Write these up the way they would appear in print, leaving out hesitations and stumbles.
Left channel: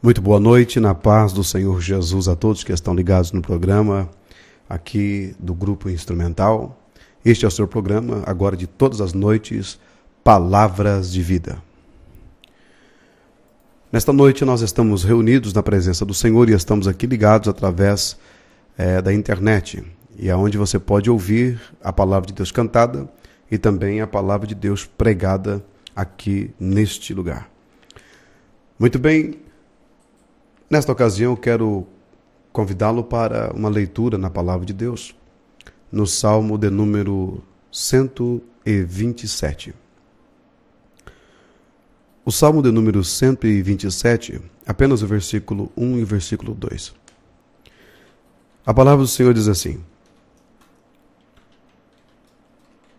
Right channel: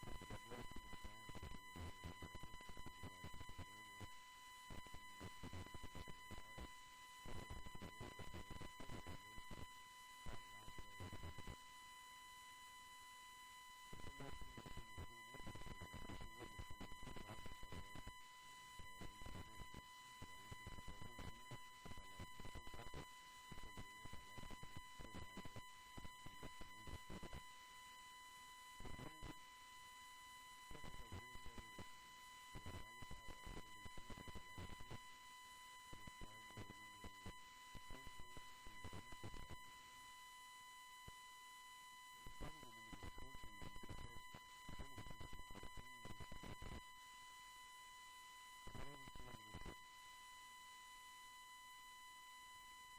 Muito boa noite, na paz do Senhor Jesus a todos que estão ligados no programa aqui do Grupo Instrumental. Este é o seu programa, agora de todas as noites, Palavras de Vida. Nesta noite nós estamos reunidos na presença do Senhor e estamos aqui ligados através da internet, e é onde você pode ouvir a Palavra de Deus cantada e também a Palavra de Deus pregada aqui neste lugar. Muito bem. Nesta ocasião, eu quero convidá-lo para uma leitura na Palavra de Deus, no Salmo de número 127. O Salmo de número 127, apenas o versículo 1 e o versículo 2. A palavra do Senhor diz assim,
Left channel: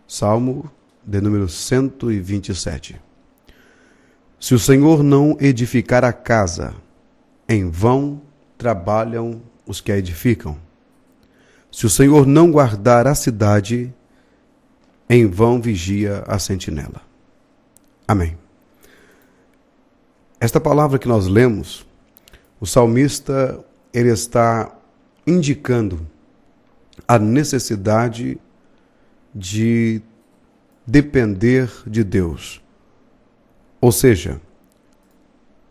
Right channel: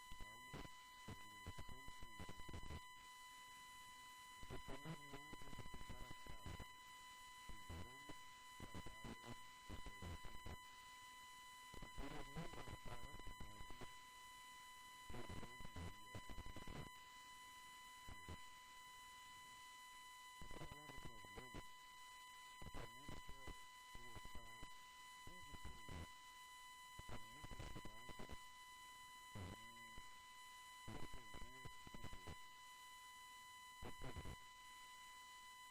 Salmo de número 127. Se o Senhor não edificar a casa, em vão trabalham os que a edificam. Se o Senhor não guardar a cidade, em vão vigia a sentinela. Amém. Esta palavra que nós lemos, o salmista, ele está indicando a necessidade de depender de Deus. Ou seja,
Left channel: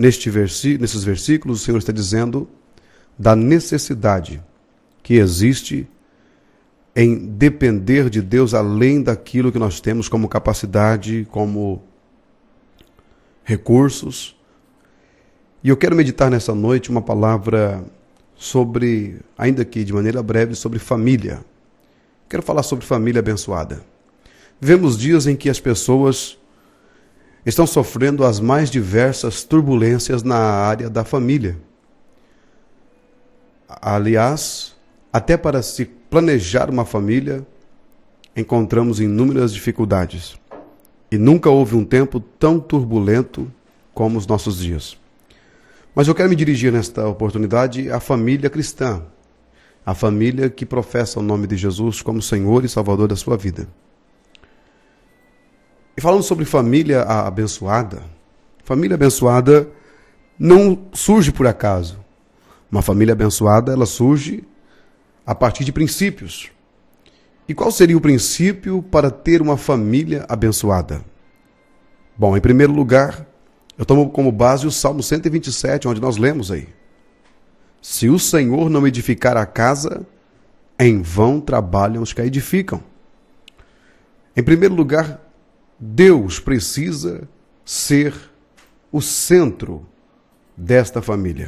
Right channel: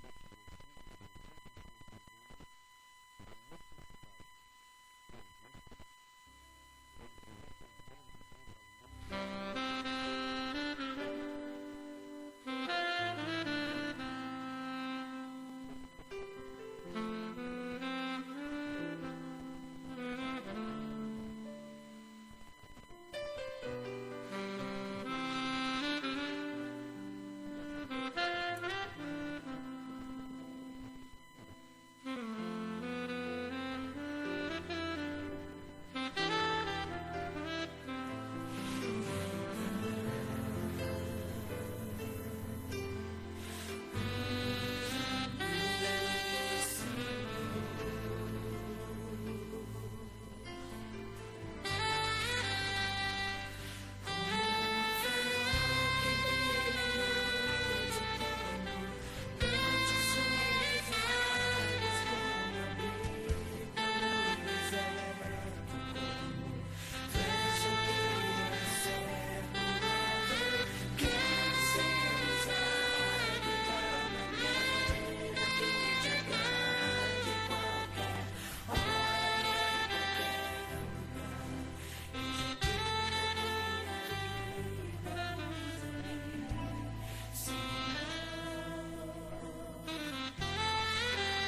nesses versículos, o Senhor está dizendo da necessidade que existe em depender de Deus além daquilo que nós temos como capacidade, como recursos. E eu quero meditar nessa noite uma palavra sobre, ainda que de maneira breve, sobre família. Quero falar sobre família abençoada. Vivemos dias em que as pessoas estão sofrendo as mais diversas turbulências na área da família. Aliás, até para se planejar uma família, encontramos inúmeras dificuldades. E nunca houve um tempo tão turbulento como os nossos dias. Mas eu quero me dirigir nesta oportunidade à família cristã, a família que professa o nome de Jesus como Senhor e Salvador da sua vida. E falando sobre família abençoada não surge por acaso. Uma família abençoada, ela surge a partir de princípios. E qual seria o princípio para ter uma família abençoada? Bom, em primeiro lugar, eu tomo como base o Salmo 127, onde nós lemos aí. Se o Senhor não edificar a casa, em vão trabalham os que a edificam. Em primeiro lugar, Deus precisa ser o centro desta família.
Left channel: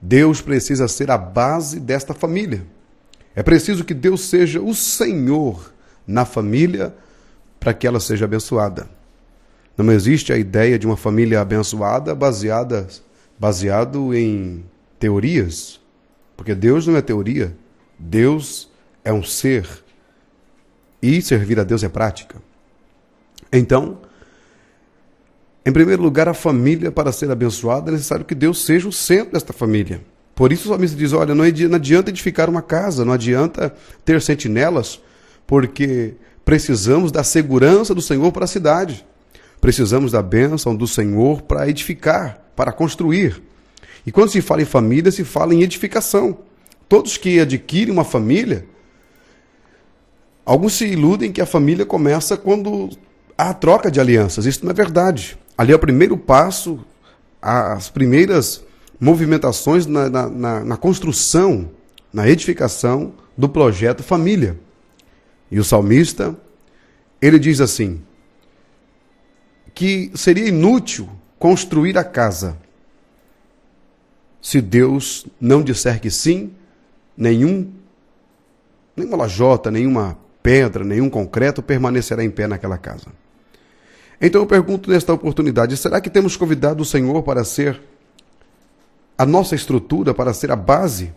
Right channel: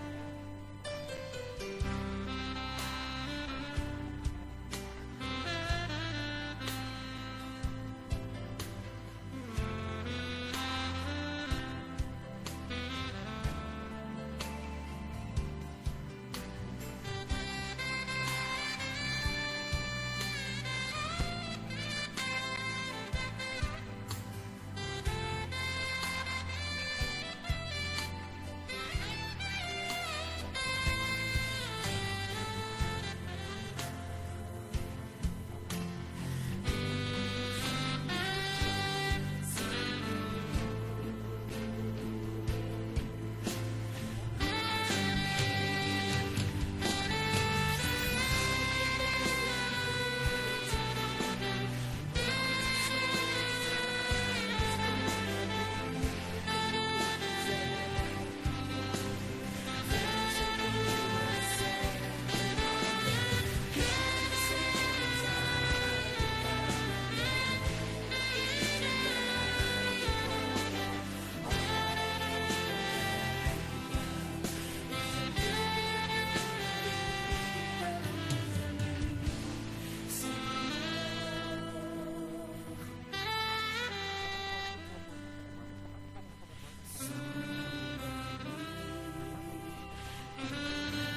Deus precisa ser a base desta família. É preciso que Deus seja o Senhor na família para que ela seja abençoada. Não existe a ideia de uma família abençoada baseado em teorias, porque Deus não é teoria, Deus é um ser e servir a Deus é prática. Então, em primeiro lugar, a família, para ser abençoada, é necessário que Deus seja o centro desta família. Por isso o salmista diz, olha, não adianta edificar uma casa, não adianta ter sentinelas, porque precisamos da segurança do Senhor para a cidade. Precisamos da bênção do Senhor para edificar, para construir. E quando se fala em família, se fala em edificação. Todos que adquirem uma família, alguns se iludem que a família começa quando há troca de alianças. Isso não é verdade. Ali é o primeiro passo, as primeiras movimentações na construção, na edificação do projeto família. E o salmista, ele diz assim, que seria inútil construir a casa se Deus não disser que sim, nenhuma lajota, nenhuma pedra, nenhum concreto permanecerá em pé naquela casa. Então eu pergunto nesta oportunidade, será que temos convidado o Senhor para ser a nossa estrutura, para ser a base?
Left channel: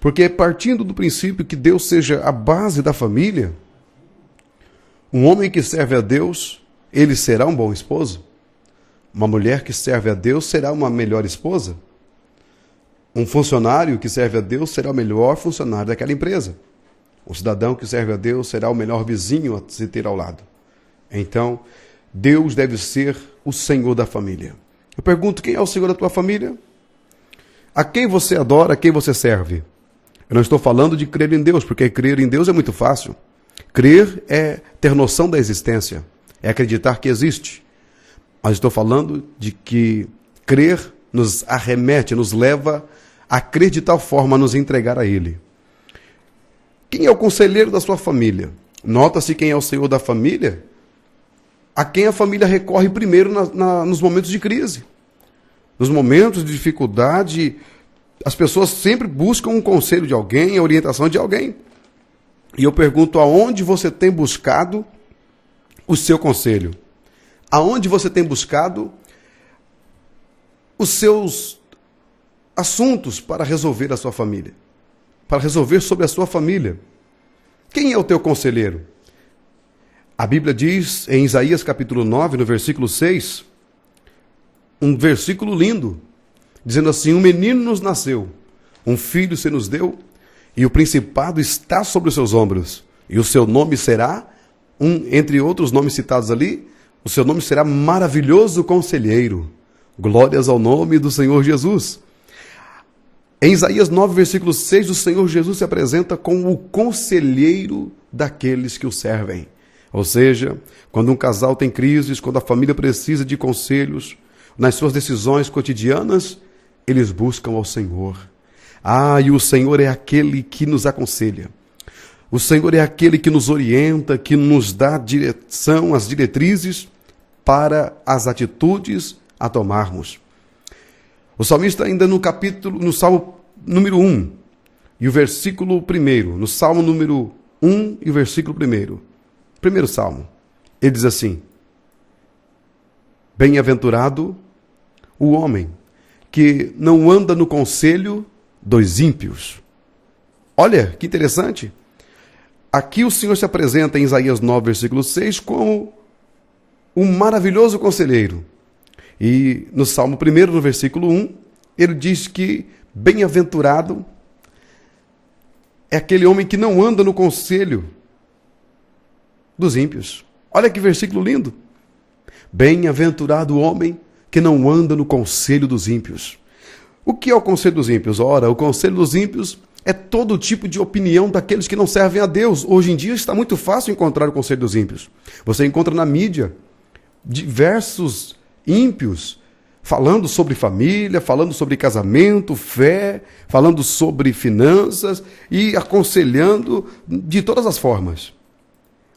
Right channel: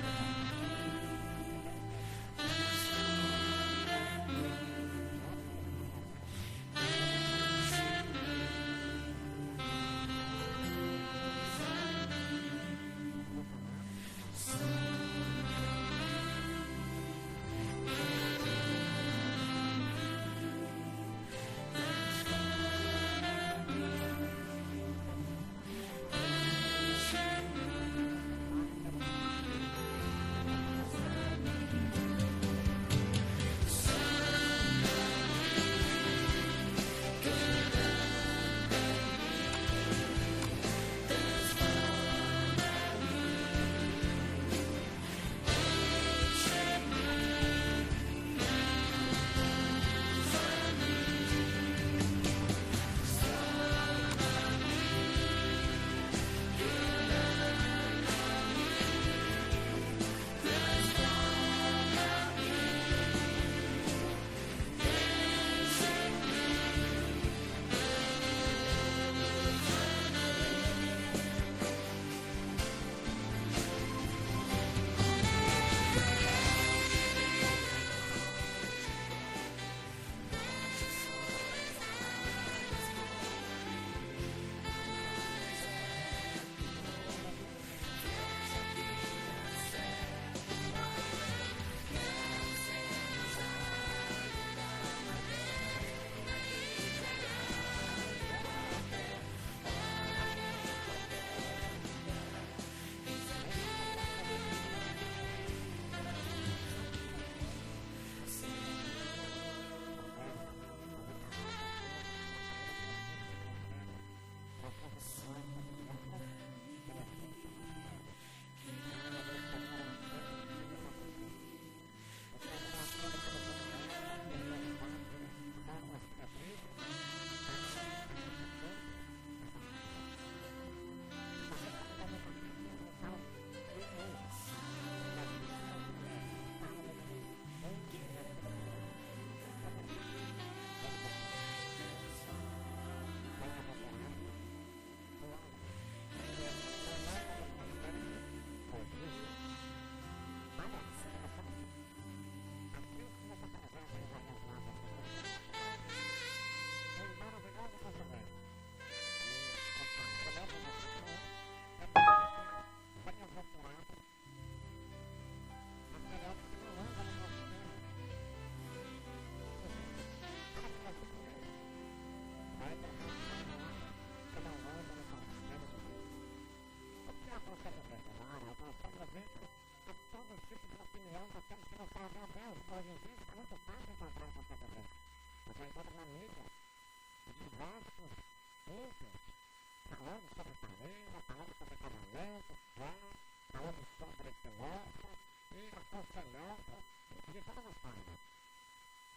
Porque partindo do princípio que Deus seja a base da família, um homem que serve a Deus, ele será um bom esposo? Uma mulher que serve a Deus será uma melhor esposa? Um funcionário que serve a Deus será o melhor funcionário daquela empresa. O cidadão que serve a Deus será o melhor vizinho a se ter ao lado. Então, Deus deve ser o Senhor da família. Eu pergunto, quem é o Senhor da tua família? A quem você adora, a quem você serve? Eu não estou falando de crer em Deus, porque crer em Deus é muito fácil. Crer é ter noção da existência, é acreditar que existe. Mas estou falando de que crer nos arremete, nos leva a crer de tal forma a nos entregar a Ele. Quem é o conselheiro da sua família? Nota-se quem é o Senhor da família, a quem a família recorre primeiro nos momentos de crise. Nos momentos de dificuldade, as pessoas sempre buscam um conselho de alguém, a orientação de alguém. E eu pergunto, aonde você tem buscado o seu conselho? Aonde você tem buscado os seus assuntos para resolver a sua família? Para resolver sobre a sua família? Quem é o teu conselheiro? A Bíblia diz em Isaías capítulo 9, no versículo 6, um versículo lindo, dizendo assim: um menino nos nasceu, um filho se nos deu, e o principado está sobre os seus ombros, e o seu nome será, entre outros nomes citados ali, o seu nome será Maravilhoso Conselheiro. Glórias ao nome do Senhor Jesus. Em Isaías 9, versículo 6, o Senhor Jesus se apresenta como o conselheiro daqueles que o servem. Ou seja, quando um casal tem crises, quando a família precisa de conselhos, nas suas decisões cotidianas, eles buscam ao Senhor. E o Senhor é aquele que nos aconselha. O Senhor é aquele que nos orienta, que nos dá direção, as diretrizes para as atitudes a tomarmos. O salmista ainda no Salmo número 1 e o versículo 1, no Salmo número 1 e o versículo 1, primeiro Salmo, ele diz assim: bem-aventurado o homem que não anda no conselho dos ímpios. Olha, que interessante. Aqui o Senhor se apresenta em Isaías 9, versículo 6, como um maravilhoso conselheiro. E no Salmo 1, no versículo 1, ele diz que bem-aventurado é aquele homem que não anda no conselho dos ímpios. Olha que versículo lindo. Bem-aventurado o homem que não anda no conselho dos ímpios. O que é o conselho dos ímpios? Ora, o conselho dos ímpios é todo tipo de opinião daqueles que não servem a Deus. Hoje em dia está muito fácil encontrar o conselho dos ímpios. Você encontra na mídia diversos ímpios falando sobre família, falando sobre casamento, fé, falando sobre finanças e aconselhando de todas as formas.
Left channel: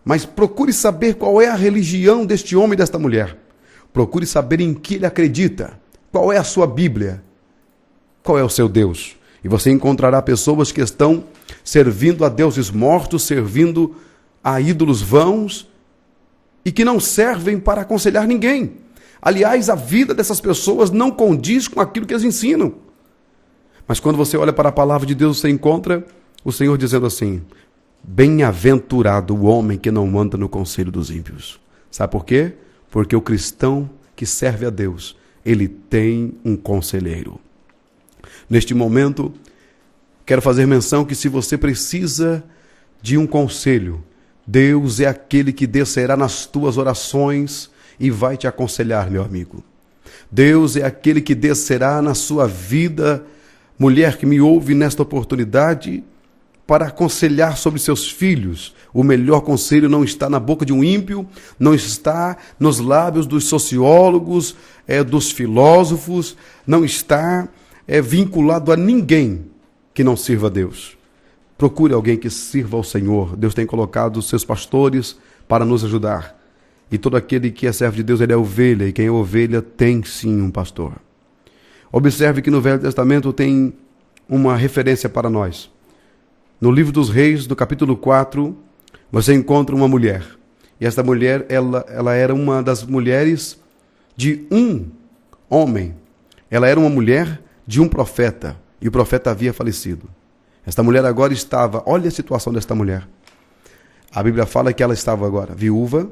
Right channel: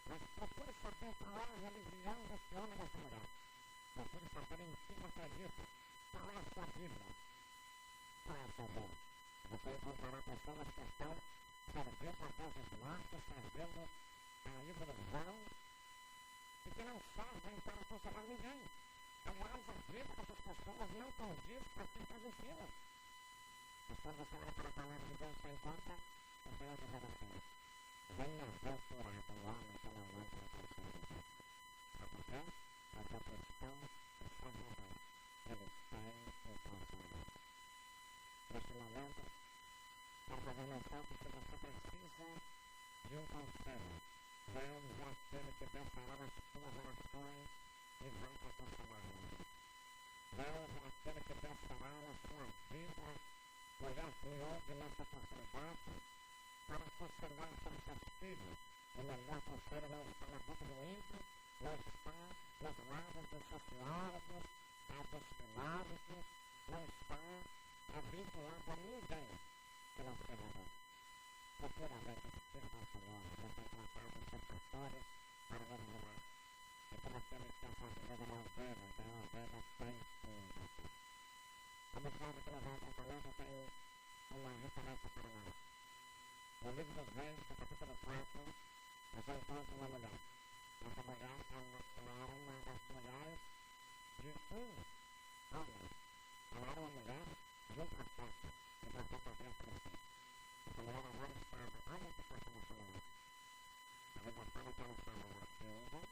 Mas procure saber qual é a religião deste homem e desta mulher. Procure saber em que ele acredita. Qual é a sua Bíblia? Qual é o seu Deus? E você encontrará pessoas que estão servindo a deuses mortos, servindo a ídolos vãos e que não servem para aconselhar ninguém. Aliás, a vida dessas pessoas não condiz com aquilo que eles ensinam. Mas quando você olha para a palavra de Deus, você encontra o Senhor dizendo assim: bem-aventurado o homem que não anda no conselho dos ímpios. Sabe por quê? Porque o cristão que serve a Deus, ele tem um conselheiro. Neste momento, quero fazer menção que se você precisa de um conselho, Deus é aquele que descerá nas tuas orações e vai te aconselhar, meu amigo. Deus é aquele que descerá na sua vida, mulher que me ouve nesta oportunidade, para aconselhar sobre seus filhos. O melhor conselho não está na boca de um ímpio, não está nos lábios dos sociólogos, dos filósofos, não está vinculado a ninguém que não sirva a Deus. Procure alguém que sirva ao Senhor. Deus tem colocado os seus pastores para nos ajudar. E todo aquele que é servo de Deus, ele é ovelha, e quem é ovelha tem sim um pastor. Observe que no Velho Testamento tem uma referência para nós. No livro dos Reis, do capítulo 4, você encontra uma mulher. E esta mulher, ela era uma das mulheres de um homem. Ela era uma mulher de um profeta. E o profeta havia falecido. Esta mulher agora estava... Olha a situação desta mulher. A Bíblia fala que ela estava agora viúva,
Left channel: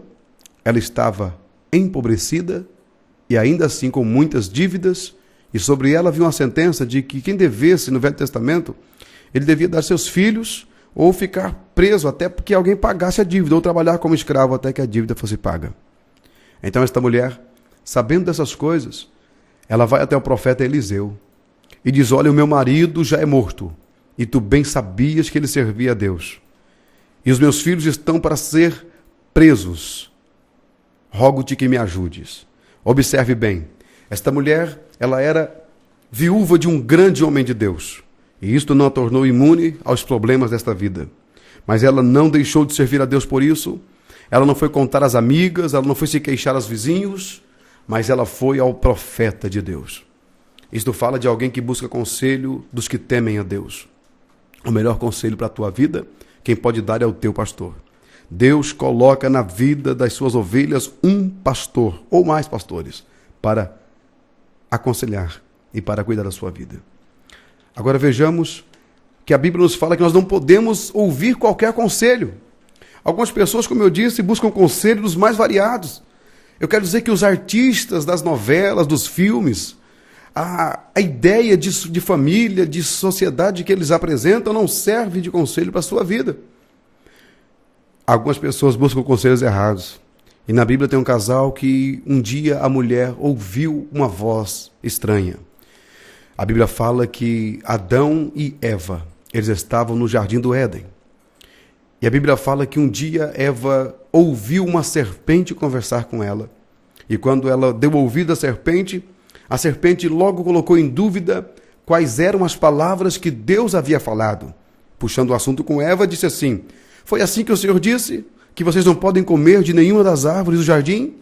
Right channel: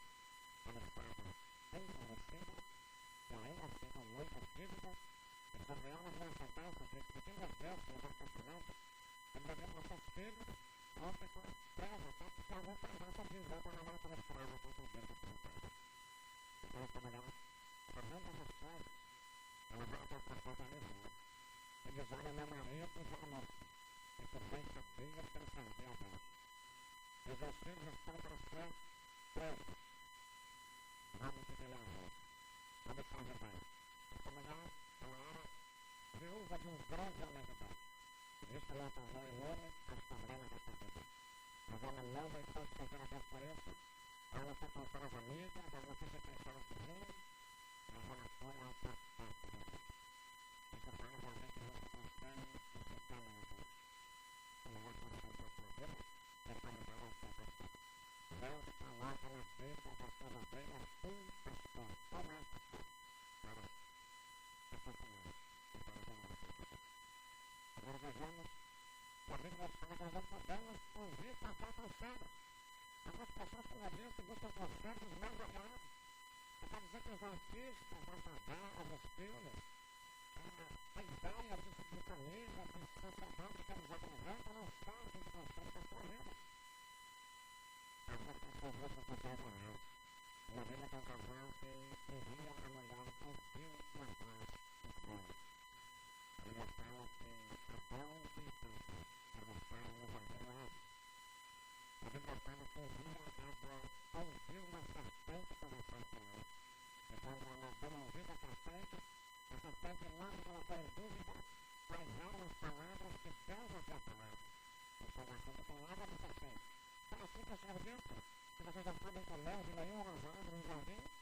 ela estava empobrecida e ainda assim com muitas dívidas. E sobre ela havia uma sentença de que quem devesse no Velho Testamento... ele devia dar seus filhos ou ficar preso até que alguém pagasse a dívida, ou trabalhar como escravo até que a dívida fosse paga. Então esta mulher, sabendo dessas coisas, ela vai até o profeta Eliseu. e diz: olha, o meu marido já é morto, e tu bem sabias que ele servia a Deus. E os meus filhos estão para ser presos. Rogo-te que me ajudes. Observe bem, esta mulher, ela era viúva de um grande homem de Deus. E isto não a tornou imune aos problemas desta vida. Mas ela não deixou de servir a Deus por isso. Ela não foi contar às amigas, ela não foi se queixar aos vizinhos, mas ela foi ao profeta de Deus. Isto fala de alguém que busca conselho dos que temem a Deus. O melhor conselho para a tua vida, quem pode dar é o teu pastor. Deus coloca na vida das suas ovelhas um pastor, ou mais pastores, para aconselhar e para cuidar da sua vida. Agora vejamos que a Bíblia nos fala que nós não podemos ouvir qualquer conselho. Algumas pessoas, como eu disse, buscam conselho dos mais variados. Eu quero dizer que os artistas das novelas, dos filmes, a ideia de família, de sociedade que eles apresentam não serve de conselho para a sua vida. Algumas pessoas buscam conselhos errados. E na Bíblia tem um casal que um dia a mulher ouviu uma voz estranha. A Bíblia fala que Adão e Eva, eles estavam no jardim do Éden. E a Bíblia fala que um dia Eva ouviu uma serpente conversar com ela. E quando ela deu ouvido à serpente, a serpente logo colocou em dúvida quais eram as palavras que Deus havia falado. Puxando o assunto com Eva, disse assim: foi assim que o Senhor disse que vocês não podem comer de nenhuma das árvores do jardim?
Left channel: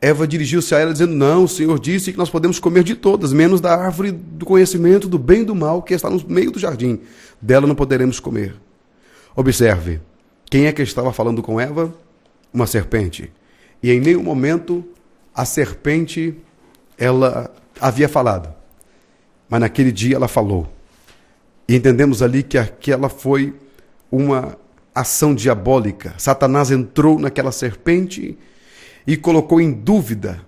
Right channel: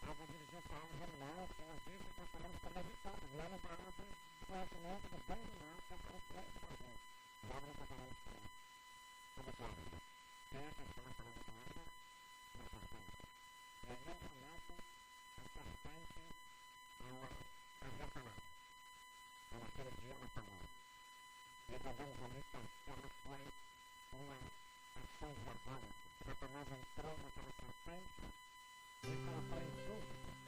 Eva dirigiu-se a ela dizendo: não, o Senhor disse que nós podemos comer de todas, menos da árvore do conhecimento do bem e do mal que está no meio do jardim. Dela não poderemos comer. Observe, quem é que estava falando com Eva? Uma serpente. E em nenhum momento a serpente, ela havia falado. Mas naquele dia ela falou. E entendemos ali que aquela foi uma ação diabólica. Satanás entrou naquela serpente e colocou em dúvida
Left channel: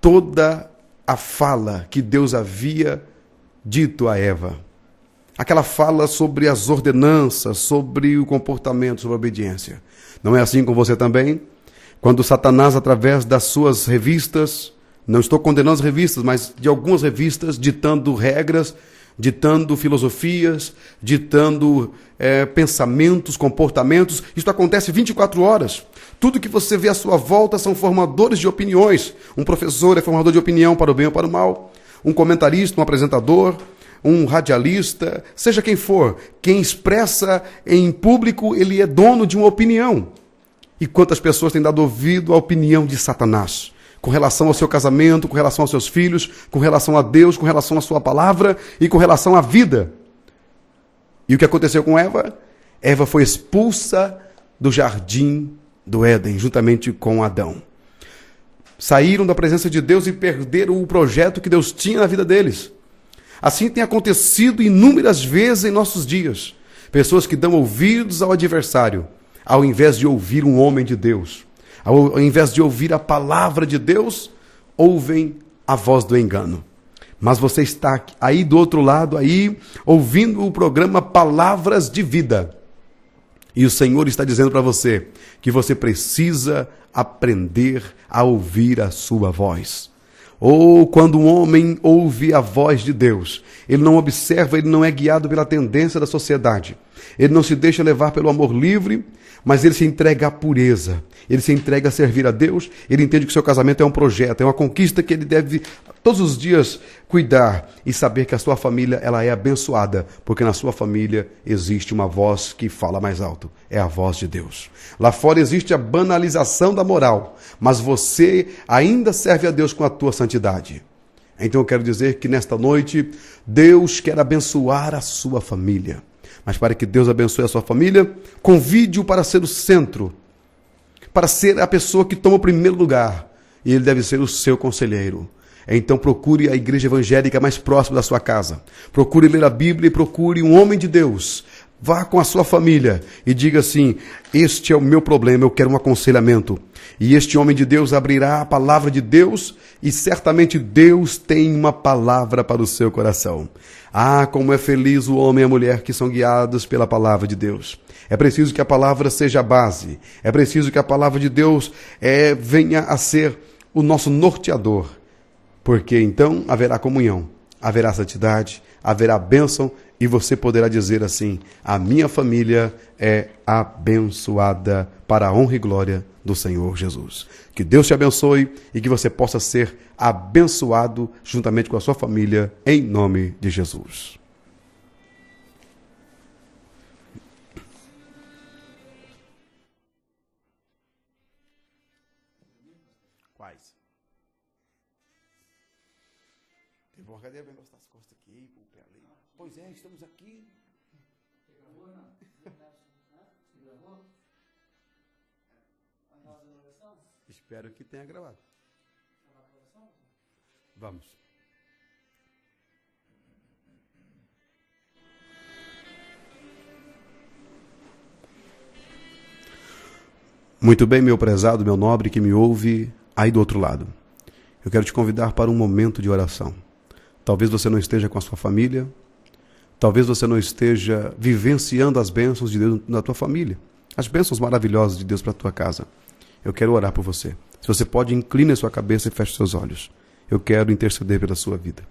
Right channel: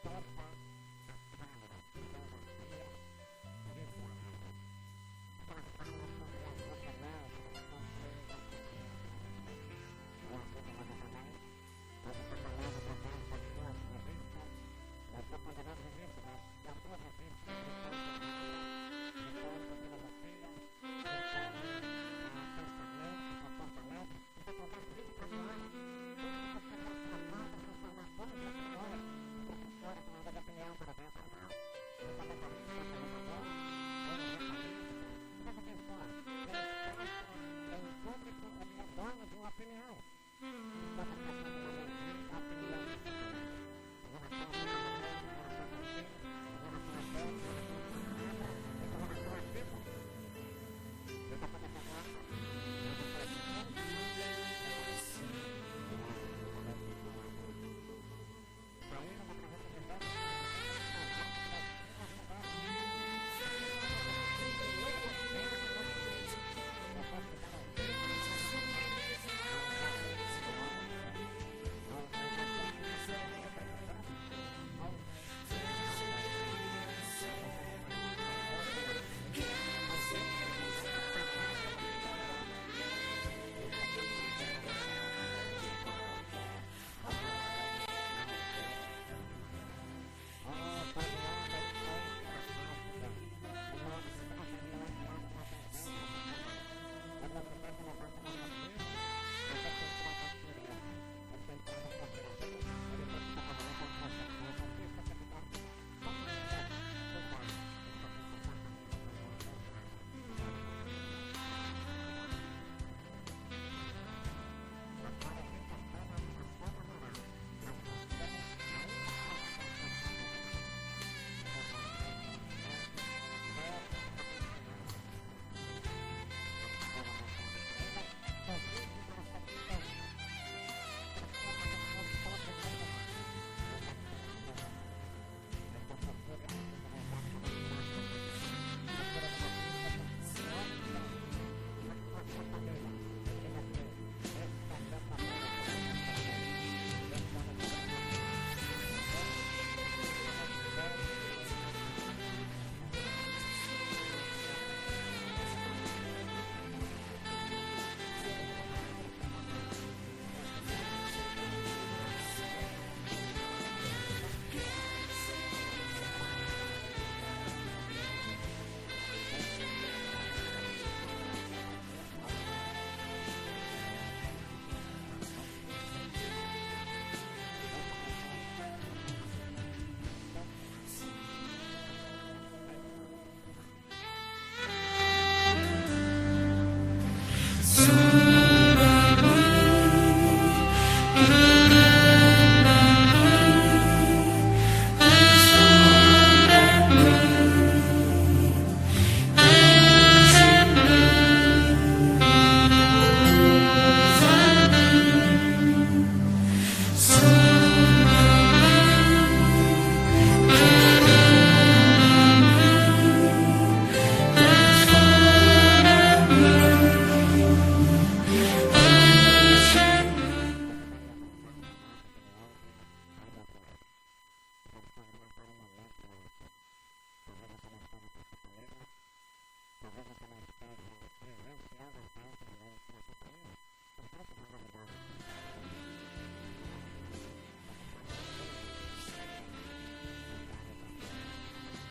toda a fala que Deus havia dito a Eva. Aquela fala sobre as ordenanças, sobre o comportamento, sobre a obediência. Não é assim com você também? Quando Satanás, através das suas revistas, não estou condenando as revistas, mas de algumas revistas, ditando regras, ditando filosofias, ditando pensamentos, comportamentos, isso acontece 24 horas. Tudo que você vê à sua volta são formadores de opiniões. Um professor é formador de opinião para o bem ou para o mal. Um comentarista, um apresentador, um radialista, seja quem for, quem expressa em público, ele é dono de uma opinião. E quantas pessoas têm dado ouvido à opinião de Satanás, com relação ao seu casamento, com relação aos seus filhos, com relação a Deus, com relação à sua palavra e com relação à vida. E o que aconteceu com Eva? Eva foi expulsa do jardim do Éden, juntamente com Adão. Saíram da presença de Deus e perderam o projeto que Deus tinha na vida deles. Assim tem acontecido inúmeras vezes em nossos dias. Pessoas que dão ouvidos ao adversário, ao invés de ouvir um homem de Deus. Ao invés de ouvir a palavra de Deus, ouvem a voz do engano. Mas você está aí do outro lado, aí, ouvindo o programa Palavras de Vida. E o Senhor está dizendo para você que você precisa aprender a ouvir a sua voz. Ou quando um homem ouve a voz de Deus, ele não observa, ele não é guiado pela tendência da sociedade. Ele não se deixa levar pelo amor livre, mas ele se entrega à pureza. Ele se entrega a servir a Deus, ele entende que o seu casamento é um projeto, é uma conquista que ele deve todos os dias cuidar e saber que a sua família ela é abençoada, porque na sua família existe uma voz que fala mais alto, é a voz de Deus. Lá fora existe a banalização da moral, mas você ainda serve a Deus com a tua santidade. Então eu quero dizer que nesta noite, Deus quer abençoar a sua família. Mas para que Deus abençoe a sua família, convide-o para ser o centro, para ser a pessoa que toma o primeiro lugar. E ele deve ser o seu conselheiro. Então procure a igreja evangélica mais próxima da sua casa. Procure ler a Bíblia e procure um homem de Deus. Vá com a sua família e diga assim: este é o meu problema, eu quero um aconselhamento. E este homem de Deus abrirá a palavra de Deus e certamente Deus tem uma palavra para o seu coração. Ah, como é feliz o homem e a mulher que são guiados pela palavra de Deus. É preciso que a palavra seja a base. É preciso que a palavra de Deus venha a ser o nosso norteador. Porque então haverá comunhão. haverá santidade, haverá bênção e você poderá dizer assim: a minha família é abençoada para a honra e glória do Senhor Jesus. Que Deus te abençoe e que você possa ser abençoado juntamente com a sua família, em nome de Jesus. Muito bem, meu prezado, meu nobre que me ouve aí do outro lado. Eu quero te convidar para um momento de oração. Talvez você não esteja com a sua família, talvez você não esteja vivenciando as bênçãos de Deus na tua família, as bênçãos maravilhosas de Deus para a tua casa. Eu quero orar por você. Se você pode, incline a sua cabeça e feche seus olhos. Eu quero interceder pela sua vida.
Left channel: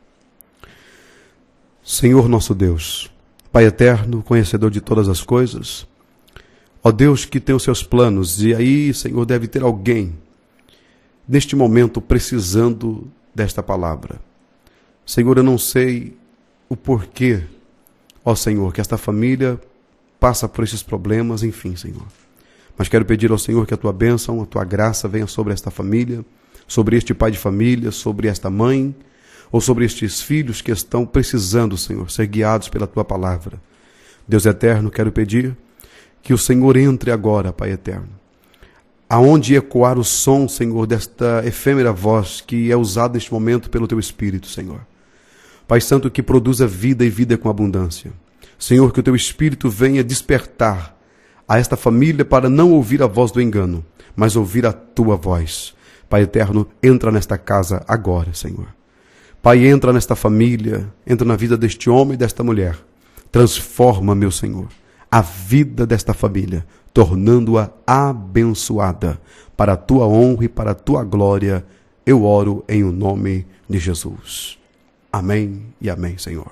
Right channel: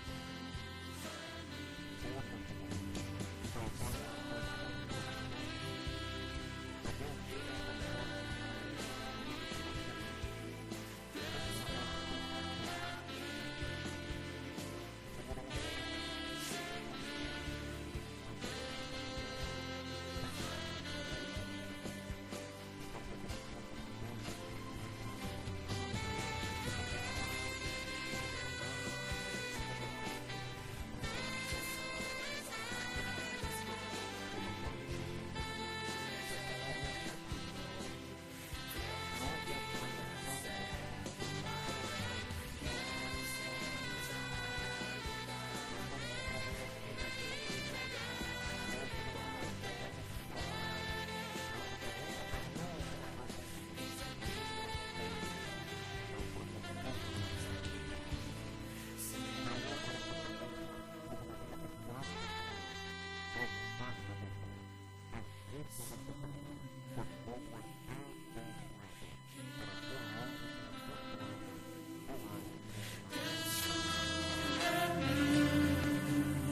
Senhor nosso Deus, Pai eterno, conhecedor de todas as coisas, ó Deus que tem os seus planos, e aí, Senhor, deve ter alguém neste momento precisando desta palavra. Senhor, eu não sei o porquê, ó Senhor, que esta família passa por esses problemas, enfim, Senhor. Mas quero pedir ao Senhor que a tua bênção, a tua graça venha sobre esta família, sobre este pai de família, sobre esta mãe, ou sobre estes filhos que estão precisando, Senhor, ser guiados pela tua palavra. Deus eterno, quero pedir que o Senhor entre agora, Pai eterno, aonde ecoar o som, Senhor, desta efêmera voz que é usada neste momento pelo Teu Espírito, Senhor. Pai Santo, que produza vida e vida com abundância. Senhor, que o Teu Espírito venha despertar a esta família para não ouvir a voz do engano, mas ouvir a Tua voz. Pai eterno, entra nesta casa agora, Senhor. Pai, entra nesta família, entra na vida deste homem e desta mulher. Transforma, meu Senhor, a vida desta família, tornando-a abençoada. Para a tua honra e para a tua glória, eu oro em o nome de Jesus. Amém e amém, Senhor.